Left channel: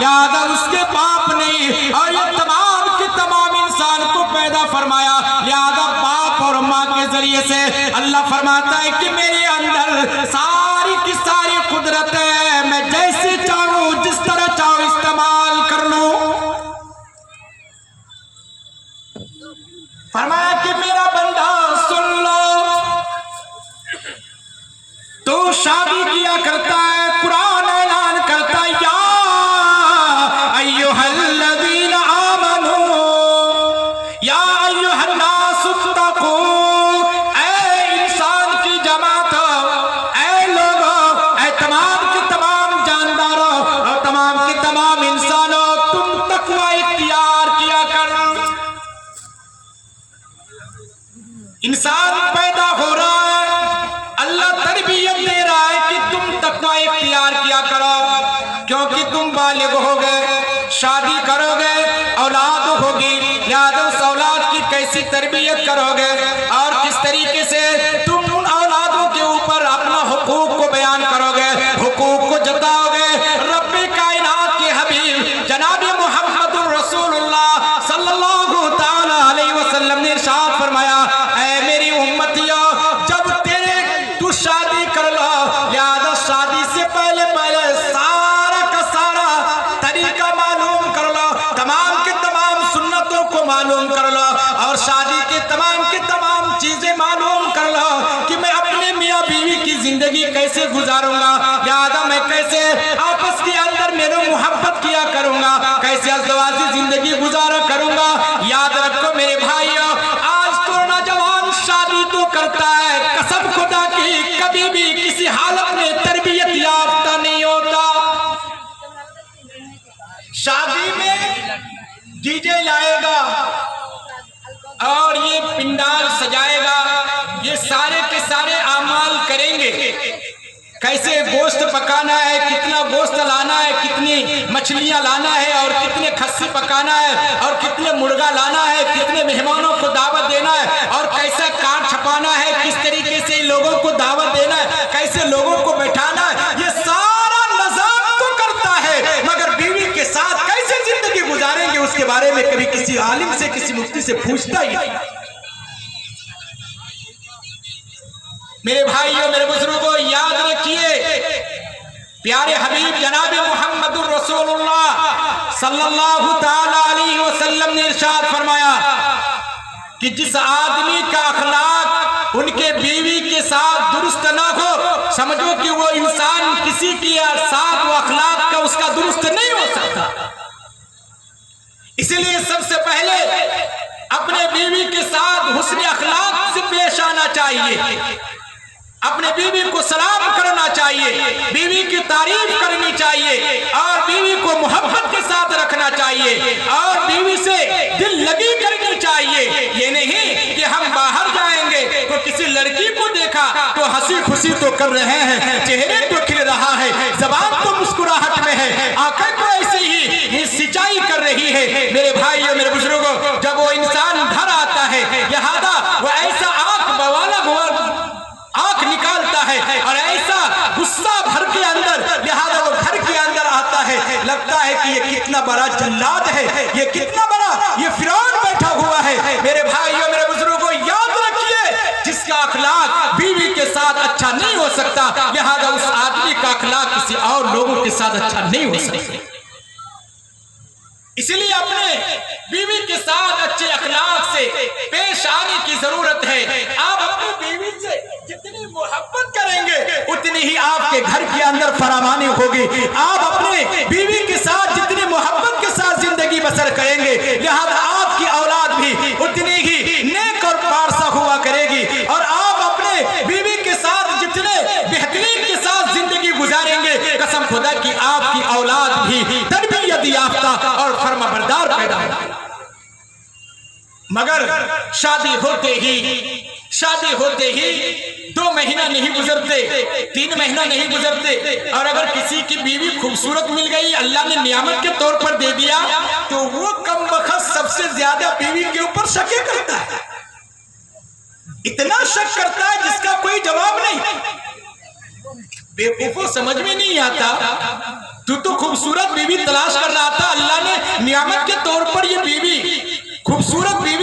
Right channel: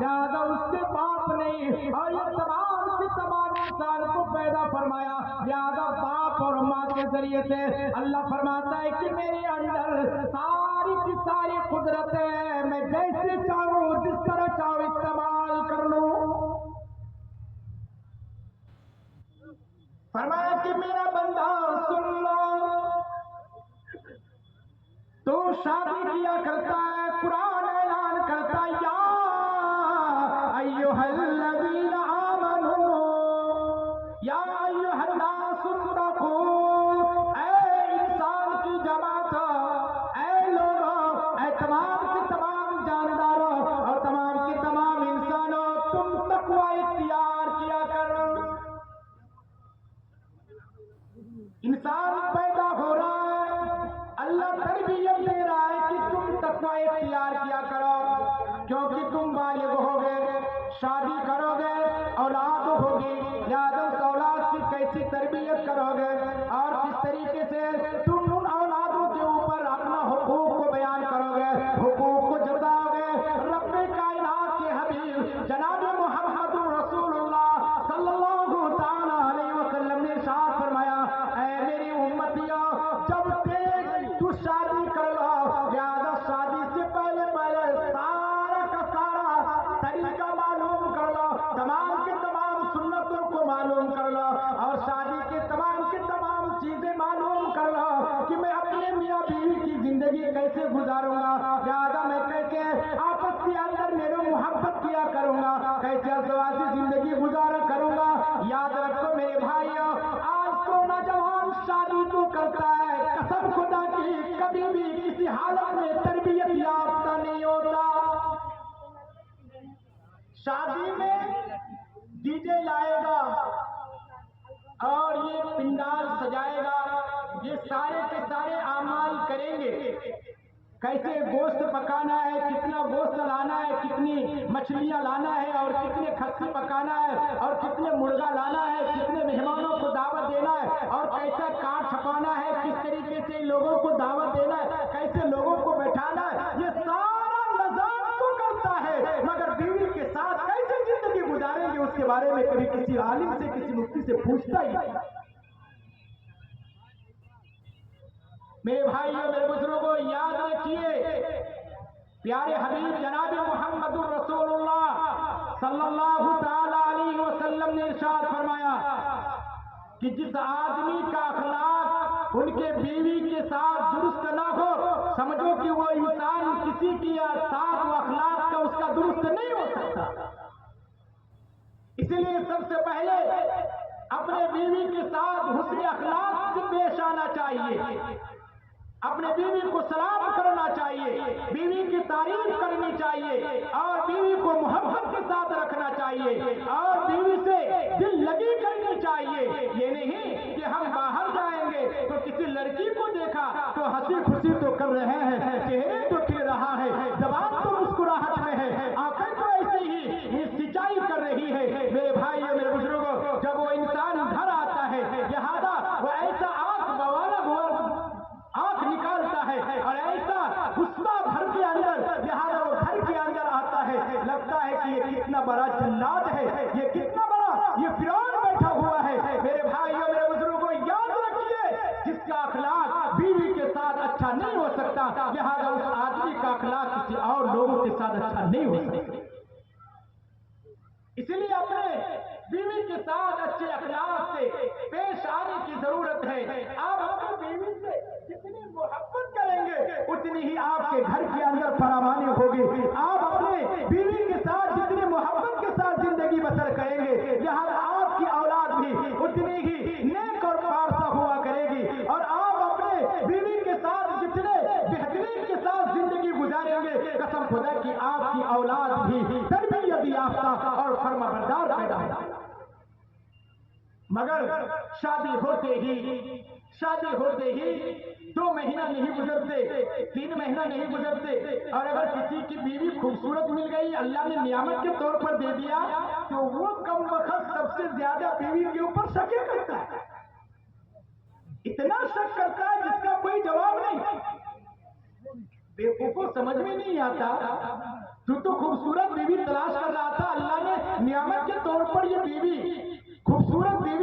लिहाजा उसके बाप ने और ये तमाम के तमाम इंसान को पैदा फरमाया। लिहाजा बाप और माँ के जरिए से अल्लाह फरमाता है कि मेरे अंदर सारी की सारी कुदरत है, मैं जैसे चाहूं जिस तरह चाहूं इस्तेमाल कर लूं। फरमाया कि मेरा बंदा सुन लो, तो शादी किया करता है, कुरान ऐलान करता है या अय्युहल्लज़ीना आमनू या अय्युहन्नास इत्तक़ू, ऐ इंसान की जमात, ऐ लोगों, ऐ तमाम के तमाम जानदारों और तमाम के तमाम इंसानों, तुम तक़वा इख्तियार किया करो। इंसान पैदा हो रहा है, अल्लाह तरबियत दे रहा है कि तुम तक़वा इख्तियार किया करो, क्योंकि तुम बालिग हो गए, शादी करोगे, औलाद होगी, लिहाजा उस औलाद की कैसी तरबियत करोगे और किस तरीके से तुम उन औलादों के ऊपर अपना हुकूक को बयान करोगे, हुकूक को जताओगे। रब्बे कायनात के हबीब जनाब मुहम्मदुर रसूलुल्लाह सल्लल्लाहु ताला अलैहि वसल्लम ने इरशाद फरमाया, ऐ मेरी उम्मतियों, जब तू शादी कर लो, लिहाजा शादी से पहले पहले सारा का सारा तरीका मालूम कर लो, तमाम के तमाम सुन्नतों को मालूम कर लो और शादी के तमाम चीजें मालूम कर लो कि मैं अपने मियाँ बीवी की जिंदगी कैसे गुजारूंगा, लिहाजा मैं कैसे आपस के अंदर मेरे मोहब्बत किया करूंगा, कैसे अज़दवाजी जिंदगी गुजारा करूंगा। याद रखो मेरे भाइयों, आज तो नौजवान शादी तो करता है, कसम खुदा की कभी भी किसी हालत में तरबियत याफ्ता नहीं होता। शादी में डीजे लाएगा और ये पिंडाल सजाएगा, ये सारे के सारे आमाल करेंगे, कैसे गोश्त पकाना है, कितना गोश्त लाना है, कितनी मछलियां लाना है और कितने खस्सी पकाना है और कितने मुर्गा लाना है, कितने मेहमानों को दावत देना है और कैसा कार्ड छपाना है, किस तरीके से लोगों को दावत देना है, कैसे लोगों को बैठाना है, ये सारा निजाम तो करता है, मगर बीवी के साथ कैसे जिंदगी गुजारेंगे उसके बारे में कभी किसी आलिम से, किसी मुफ्ती से पूछता ही नहीं। मेरे भाइयों, मेरे बुजुर्गों, याद रखिए, प्यारे हबीब जनाब मुहम्मदुर रसूलुल्लाह सल्लल्लाहु ताला अलैहि वसल्लम ने इरशाद फरमाया कि जिस आदमी का अखलाक उनके बीवी के साथ दुरुस्त ना हो, समझो कि वो इंसान किसी के साथ वो अखलाक का उसका दुरुस्त नहीं हो सकता। इसलिए सबसे पहले अपने बीवी के साथ हुस्न अखलाक से पेश आना चाहिए, अपने बीवी को सलाम करना चाहिए, बीवी की तारीफ करनी चाहिए और बीवी को मोहब्बत के साथ रखना चाहिए और बीवी से दिल लगी करनी चाहिए। ये नहीं कि हम बाहर जाएंगे तो किसी लड़की को देखा तो हंसी खुशी तो कर रहे हैं, चेहरे तो खिल रहा है, जबान तो मुस्कुराहट में है, आंखें तो ऐसे ही सिंचाई कर रही है। मेरे भाइयों, मेरे बुजुर्गों, जब वो इंसान घर आता है, लिहाजा वो ऐसा आंख बवाला आंख निकालता है और ऐसा गुस्सा भर के अंदर, लिहाजा वो घर के अंदर आता है, लगता है कि ये कितना बड़ा जल्लाद है, ये कितना बड़ा ये फिरौन बैठा हुआ है। मेरे भाइयों, मेरे बुजुर्गों, याद रखिए, जिसका अखलाक बीवी के साथ अच्छा नहीं हो सकता, लिहाजा उस आदमी का अखलाक किसी और लोगों के साथ अच्छा नहीं हो सकता। इसलिए अपने बीवी के साथ अच्छे अखलाक से पेश आने की जरूरत है। आप अपनी बीवी से जितनी मोहब्बत करेंगे उतनी ही आपके घर के अंदर फरावानी होगी। आप अपने बीवी के साथ जितनी मोहब्बत के साथ जिंदगी बसर करेंगे, लिहाजा आपकी औलाद भी उतनी ही नेक और पारसा हुआ करेगी और आप अपने बीवी के साथ जितने बेहतरीन के साथ जिंदगी गुजारेंगे, कसम खुदा की आपकी औलाद भी तरबियत याफ्ता और फर्माबरदार पैदा होगी। मगर शादी होते ही 2 महीना नहीं गुजरते, 3 महीना नहीं गुजरते और अगर किसी की बीवी खूबसूरत मिल गई, अल्लाह ने नियामत के तौर पर दे दिया, तो वो कमबख्त सबसे ज्यादा बीवी के ऊपर शक करता है, इतना शक करता है जिसका कोई जवाब नहीं। बेवकूफों समझ में नहीं आता, तू तो खूबसूरत बीवी तलाश कर रहा था, अल्लाह ने नियामत के तौर पर ये बीवी, खूबसूरत बीवी